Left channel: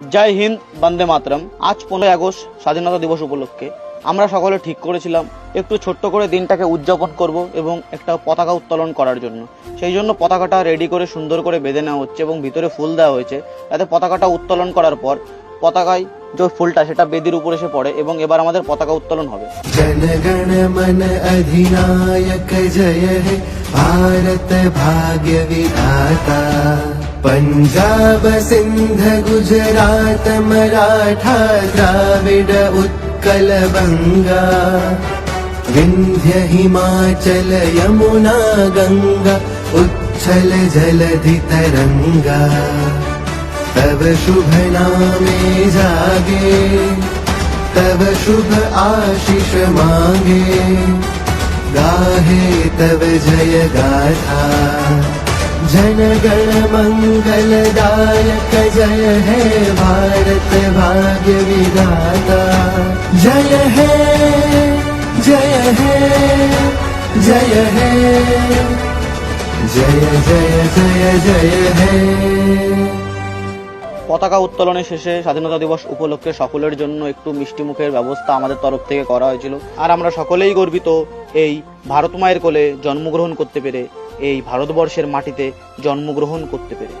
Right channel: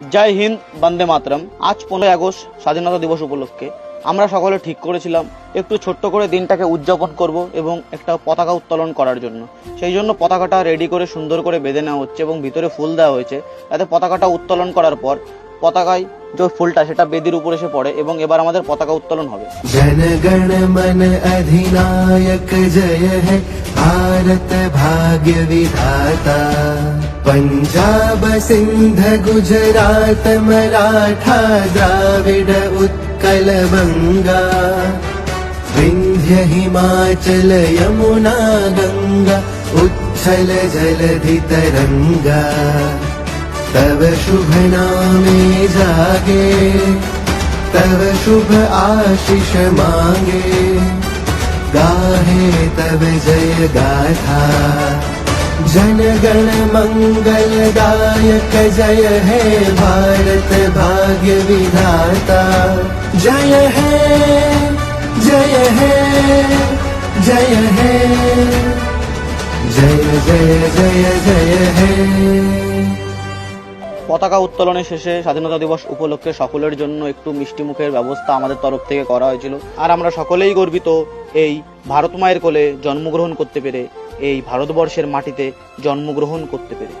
জয় হিন্দ, বন্দে মাতরম। আজ 15 আগস্ট স্বাধীনতা দিবস উপলক্ষে আমরা সকলে ঠিক করেছিলাম একটু ছোট্ট করে দিনটাকে উদযাপন করব এবং একটা পতাকা উত্তোলন করার জন্য। সেই জন্য পতাকাটা রেডি করে সুন্দর করে বেঁধে নেওয়া হচ্ছে এবং ভিতরে ফুল দেওয়া হয়েছে, যাতে পতাকাটা উত্তোলন করার পর পতাকায় যে ফুলটা সেটা বেদির উপর এসে পড়ে এবং এবার আমাদের পতাকা উত্তোলন হবে। जनगण मन अधिनायक जय हे भारत भाग्य विधाता। पंजाब सिंध गुजरात मराठा द्राविड उत्कल बंगा। विंध्य हिमाचल यमुना गंगा उच्छल जलधि तरंगा। तव शुभ नामे जागे तव शुभ आशीष मांगे। गाहे तव जय गाथा जनगण मंगल दायक जय हे भारत भाग्य विधाता। जय हे जय हे जय हे जय जय जय जय हे। পতাকা উত্তোলনের শেষে স্বাধীনতা দিবস উপলক্ষে সকলের জন্য একটু মিষ্টি মুখের ব্যবস্থা আমাদের তরফ থেকে করা হয়েছিল। আর আমরা সকলেই গর্বিত এই ভারত মায়ের কোলে জন্মগ্রহণ করতে পেরে, এই ভারতবর্ষের মাটিতে জন্মগ্রহণ করতে পেরে।